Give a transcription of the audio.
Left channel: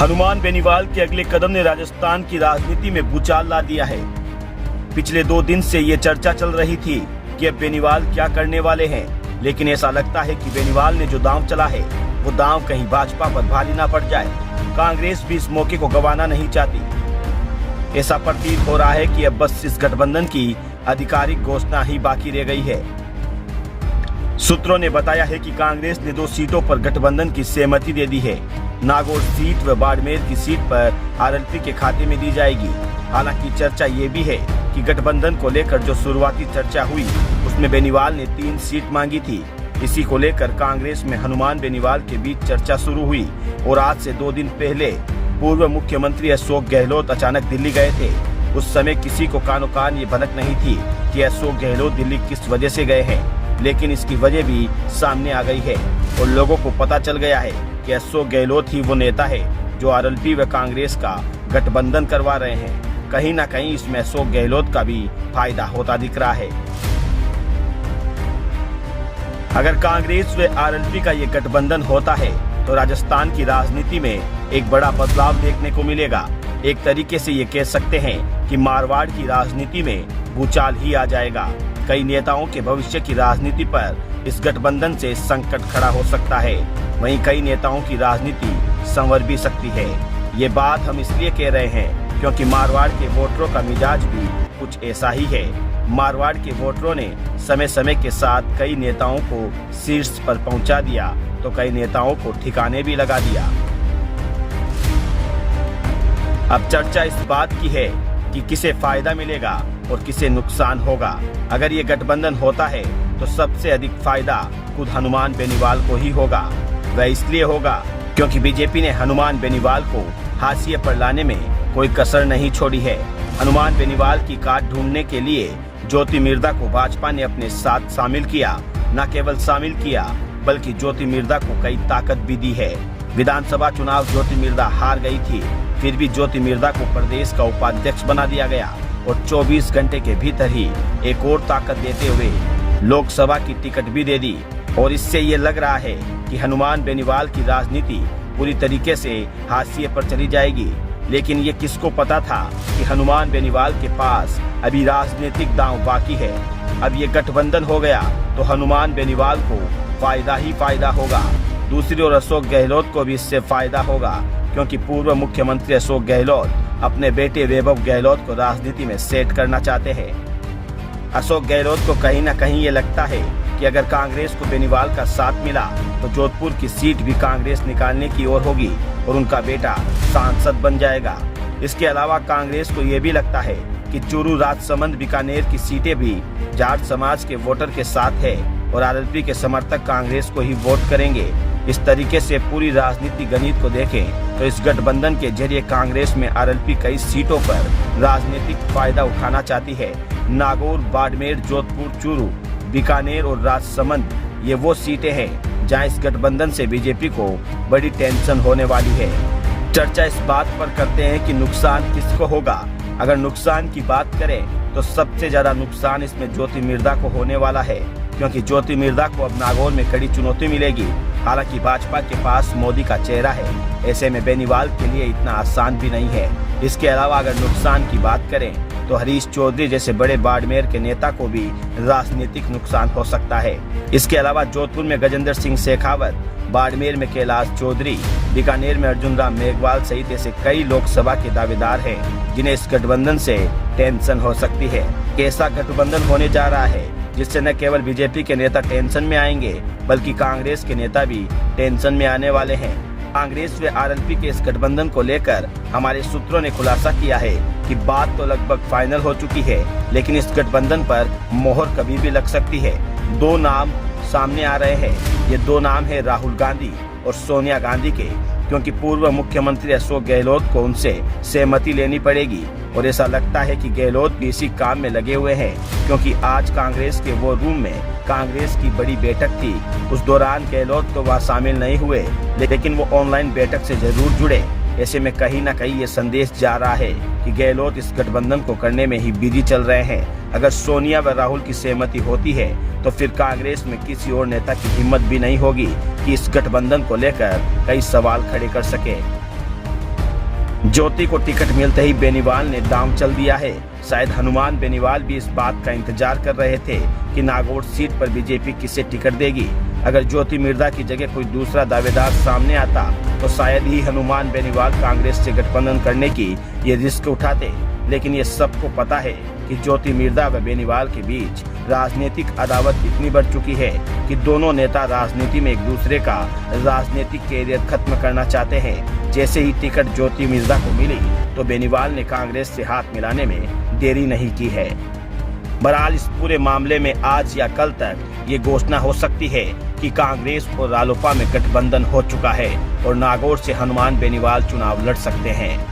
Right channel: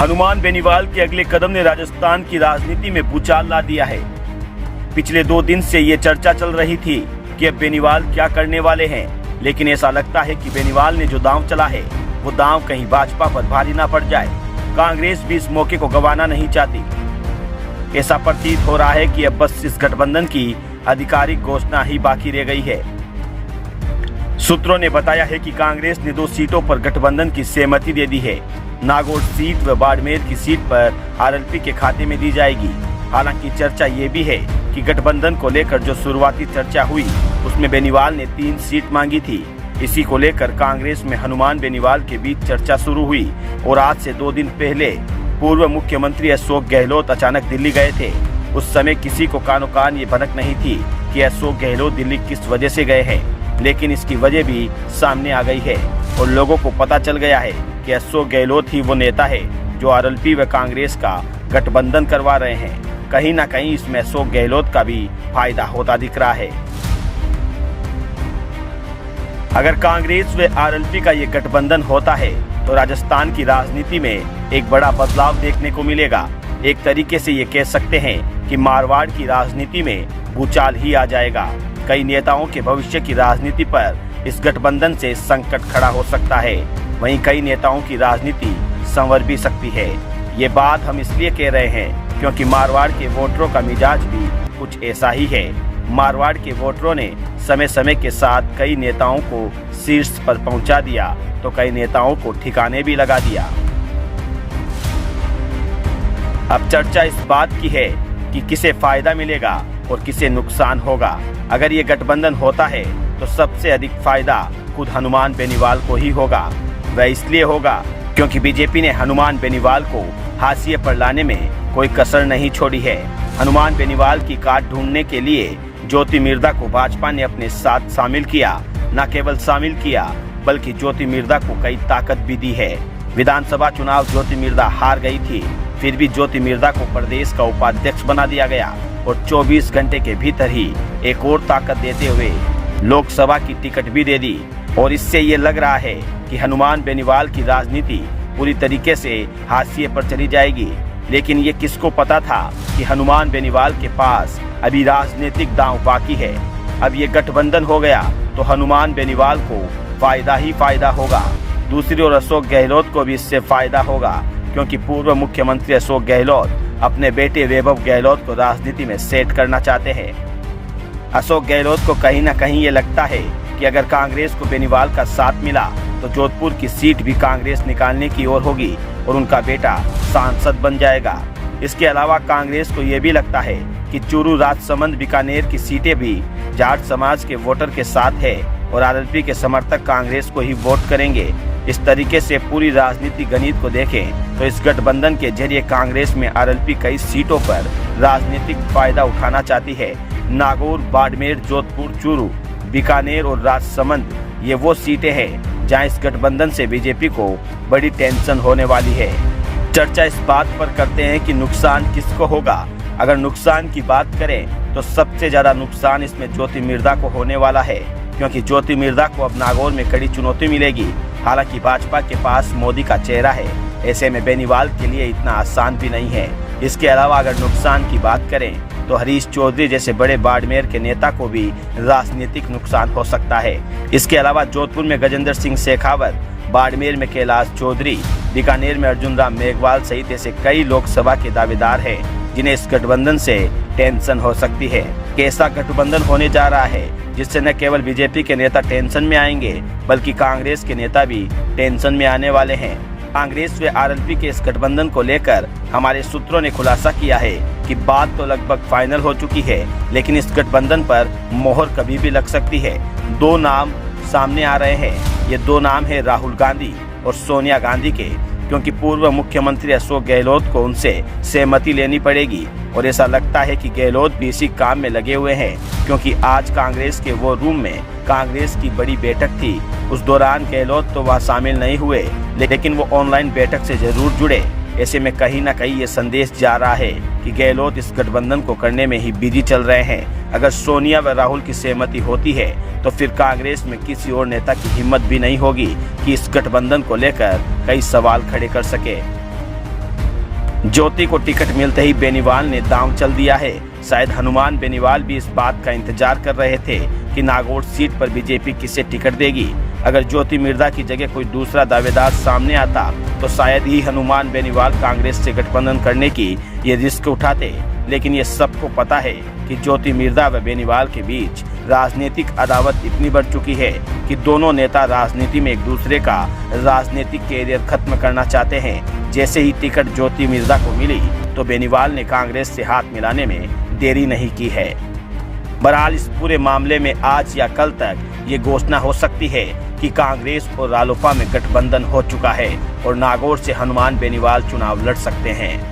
हनुमान बेनीवाल के अगले कदम ने राजस्थान की राजनीति में भूचाल ला दिया है। पिछले 2 दिन से ये चर्चा चल रही थी कि अब बेनीवाल क्या करने वाले हैं, लेकिन ऐसा लगता है कि बेनीवाल ने जो दांव चला है वो दांव कहीं भाजपा पर भारी ना पड़ जाए। कांग्रेस भी इस मौके को गंवाना नहीं चाहती। ऐसा प्रतीत हो रहा है कि अब बस इस गठबंधन की आधिकारिक घोषणा ही बाकी रह गई है। सूत्रों ने बताया है कि कांग्रेस ने 2 सीटों पर गठबंधन की सहमति दे दी है। नागौर सीट व बाड़मेर की सीट पर आरएलपी के खाते में दी जाएगी। हालांकि चर्चा ये भी है कि गठबंधन को लेकर जो शुरुआती चर्चा हुई उसमें बेनीवाल ने 3 सीट मांगी थी। इसी को लेकर कांग्रेस में हनुमान बेनीवाल के बीच चर्चा शुरू हुई और आज से 2 दिन पहले पूर्व मुख्यमंत्री अशोक गहलोत अचानक दिल्ली गए थे। उस समय किसी को कानो कान ये भनक नहीं थी कि अशोक गहलोत दिल्ली किस वजह से गए हैं, लेकिन इसकी वजह भी सामने आ गई है और लोगों को पता चल गया है कि अशोक गहलोत ही वो नेता है जो आरएलपी व कांग्रेस का गठबंधन करवा रहे हैं। कहीं ना कहीं इसमें अशोक गहलोत का भी फायदा होता दिख रहा है। अगर कांग्रेस व आरएलपी का ये गठबंधन होता है तो राजस्थान की राजनीति में एक बड़ा बदलाव देखने को मिलेगा। एक तरीके से ये कह सकते हैं कि मारवाड़ की राजनीति में भूचाल ही आ जाएगा। कई नेताओं के भविष्य की राजनीति पर इस गठबंधन से संकट खड़ा हो सकता है। वहीं कई नेताओं की राजनीति संवर भी सकती है। ये बात हम इसलिए कह रहे हैं क्योंकि मारवाड़ के वोटरों का मिजाज भी कुछ ऐसा ही है। मारवाड़ के वोटरों ने समय समय के साथ कई नेताओं को शीर्ष पर पहुंचा दिया तो कई नेताओं को ठिकाने भी लगा दिया। अब चर्चा इस बात की है कि किसे फायदा मिलेगा और किसे नुकसान होगा। अगर ये गठबंधन होता है तो सबसे अधिक फायदा खुद हनुमान बेनीवाल को ही होगा। वह इसलिए होगा क्योंकि बीजेपी ने हनुमान बेनीवाल को हाशिए पर लाने में कोई कसर नहीं छोड़ी है। हनुमान बेनीवाल की काट ढूंढने के लिए ज्योति मिर्धा को भाजपा ने अपने साथ शामिल किया। न केवल शामिल किया बल्कि ज्योति मिर्धा को कई ताकत भी दी है। विधानसभा चुनाव ज्योति मिर्धा हार गई थी, फिर भी ज्योति मिर्धा को प्रदेश का उपाध्यक्ष बना दिया गया और 24 घंटे के भीतर ही एक और ताकत देते हुए लोकसभा की टिकट भी दे दी। और इससे ये लग रहा है कि हनुमान बेनीवाल की राजनीति पूरी तरीके से हाशिए पर चली जाएगी। लेकिन ये किसको पता था कि हनुमान बेनीवाल के पास अभी राजनीतिक दांव बाकी है। अब ये गठबंधन हो गया तो हनुमान बेनीवाल को फायदा ही फायदा होगा। दूसरी ओर अशोक गहलोत को भी इससे फायदा होगा क्योंकि पूर्व मुख्यमंत्री अशोक गहलोत अपने बेटे वैभव गहलोत को राजनीति में सेट करना चाहते हैं। अशोक गहलोत को कहीं ना कहीं ये लगता है कि अगर कांग्रेस को बेनीवाल का साथ मिला तो जोधपुर की सीट भी कांग्रेस निकालने की ओर होगी और उनका बेटा सांसद बन जाएगा। इसके अलावा कांग्रेस को ये भी लगता है कि चूरू, राजसमंद, बीकानेर की सीटें भी जाट समाज के वोटर के साथ है और आरएलपी के समर्थक कांग्रेस को ही वोट करेंगे। इस तरीके से पूरी राजनीति गणित को देखें तो इस गठबंधन के जरिए कांग्रेस में आरएलपी कई सीटों पर राजनीतिक फायदा उठाना चाहती है। नागौर, बाड़मेर, जोधपुर, चूरू, बीकानेर और राजसमंद ये वो सीटें हैं जहां इस गठबंधन से बीजेपी को बड़ी टेंशन होने वाली है। चर्चा इस बात पर करते हैं कि नुकसान किसको होगा। अगर नुकसान की बात करें तो सबसे ज्यादा नुकसान इसमें ज्योति मिर्धा को होने वाला है क्योंकि ज्योति मिर्धा को अब नागौर में कड़ी चुनौती मिलेगी। हालांकि भाजपा के पास मोदी का चेहरा है, ऐसे में बेनीवाल के लिए इतना आसान भी नहीं है। इसके अलावा अगर नुकसान की बात करें तो हरीश चौधरी जैसे बड़े बाड़मेर के नेता को भी राजनीतिक नुकसान हो सकता है। इसके अलावा जोधपुर में गजेंद्र सिंह शेखावत, बाड़मेर में कैलाश चौधरी, बीकानेर में अर्जुन राम मेघवाल सहित ऐसे कई लोकसभा के दावेदार हैं जिन्हें इस गठबंधन से टेंशन हो सकती है। कैसा गठबंधन होने जा रहा है जिससे न केवल बीजेपी के नेता टेंशन में आएंगे बल्कि कांग्रेस के नेता भी टेंशन में आने वाले हैं। कांग्रेस व आरएलपी के इस गठबंधन को लेकर हमारे सूत्रों ने खुलासा किया है कि बात तो लगभग फाइनल हो चुकी है, लेकिन इस गठबंधन पर मोहर कभी भी लग सकती है। 2 नाम सामने आ रहे हैं। ये 2 नाम है राहुल गांधी और सोनिया गांधी के, क्योंकि पूर्व मुख्यमंत्री अशोक गहलोत को उनसे सहमति लेनी पड़ेगी और ऐसा लगता है कि गहलोत भी इसी काम में लगे हुए हैं क्योंकि आज कांग्रेस के वो रूम में कांग्रेस की बड़ी बैठक थी। उस दौरान गहलोत तो वहाँ शामिल नहीं हुए लेकिन वो ऑनलाइन बैठक से जरूर जुड़े। ऐसे में कहीं ना कहीं ये संदेश जा रहा है कि गहलोत इस गठबंधन को करने में ही बिजी चल रहे हैं। अगर सोनिया व राहुल की सहमति होती है तो फिर कांग्रेस में किसी और नेता की हिम्मत भी नहीं होगी कि इस गठबंधन को लेकर कई सवाल खड़े कर सके। ज्योति को टिकट मिलते ही बेनीवाल ने दांव चल दिया है। शायद हनुमान बेनीवाल भी इस बात का इंतजार कर रहे थे कि नागौर सीट पर बीजेपी किसे टिकट देगी। अगर ज्योति मिर्धा की जगह कोई दूसरा दावेदार सामने आता तो शायद ही हनुमान बेनीवाल कांग्रेस से गठबंधन करने की ये रिस्क उठाते। लेकिन ये सबको पता है कि ज्योति मिर्धा व बेनीवाल के बीच राजनीतिक अदावत इतनी बढ़ चुकी है कि दोनों नेता राजनीति में एक दूसरे का राजनीतिक कैरियर खत्म करना चाहते हैं। जैसे ही टिकट ज्योति मिर्धा को मिली तो बेनीवाल ने कांग्रेस से हाथ मिलाने में देरी नहीं की है। बहरहाल इस पूरे मामले में आज या कल तक ये घोषणा हो सकती है कि कांग्रेस और रालोपा में गठबंधन हो चुका है और नागौर से हनुमान बेनीवाल चुनाव लड़ सकते हैं।